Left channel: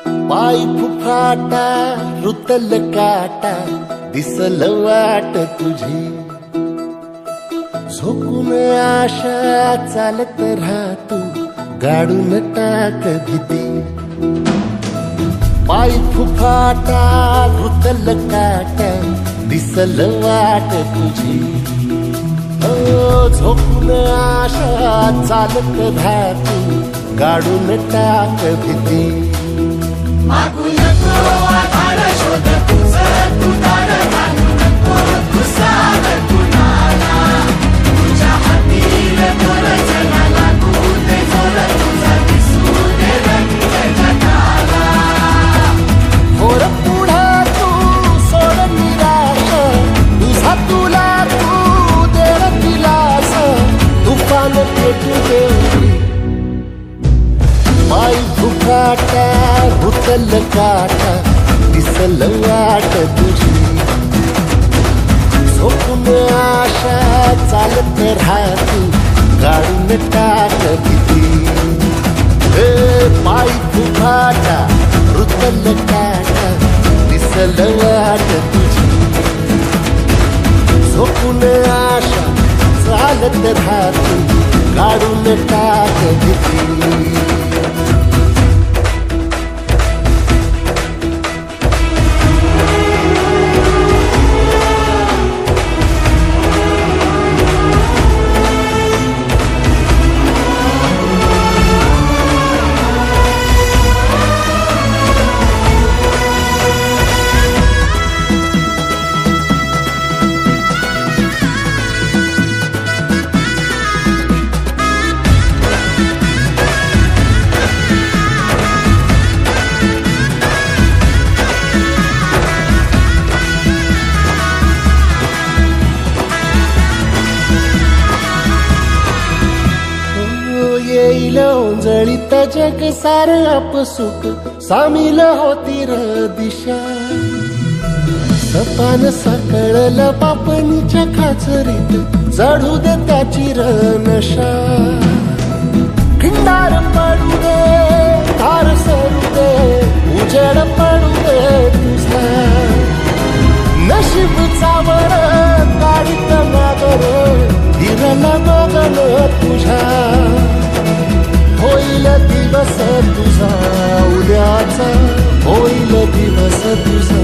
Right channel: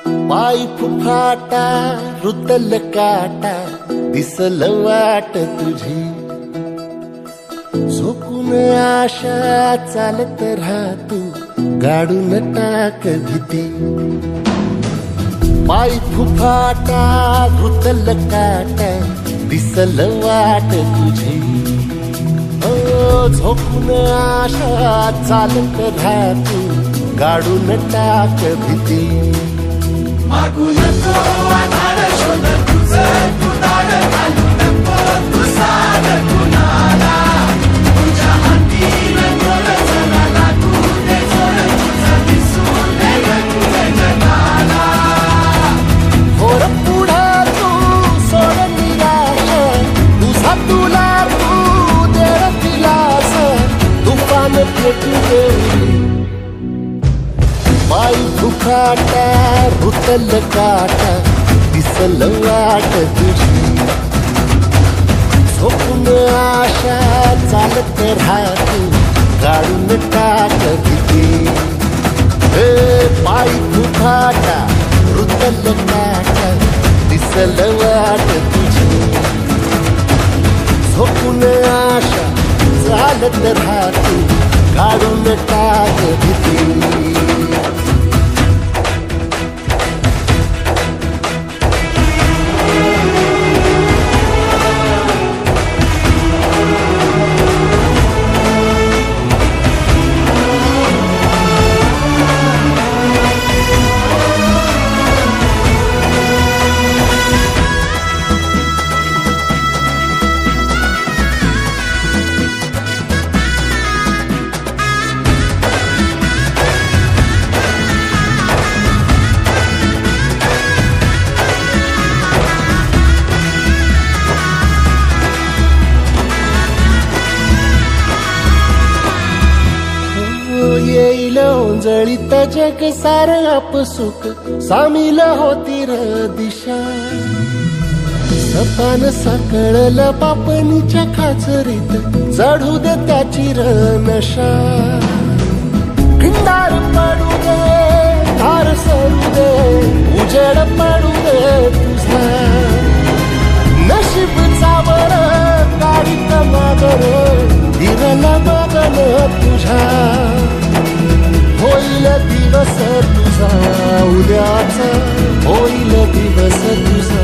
पाय फुफाटा रुतल काटा दिसल वाट तुझी झोकून आशा चालत राहतू गाडून टाक भीती पाय फुफाटा रुतल काटा दिसल वाट तुझी झोकून आशा चालत राहतू गाडून टाक भीती मागू नको आधार शोध तुझं तू दाड घालू नको तू साध कुणाला तुझ्या हातीन दोर जरा लागू दे जोर तुझा दिसू दे रंग जगाला होर पुढे तू सोड निराश तुझा तुला तू दे दिलास तुफान पेटू देवरी पाय फुफाटा रुतल काटा दिसल वाट तुझी झोपून आशा चालत राहतू गाडून टाक भीती पाय फुफाटा रुतल काटा दिसल वाट तुझी झोपून आशा चालत राहतू गाडून टाक भीती येईल ओंजळीत जग सार आपसुक सामील होती र दिशा सपान साकळल पापणीच्या खाचरीत चढू दे त्याची र नशा खिंडार पडू दे धार सरू दे उजेड पडू दे तुझा नशीब चावर काढीत मागर हिरल बगन तुझा होईल दिवस तुझा उद्याचा होईल दिवस तुझा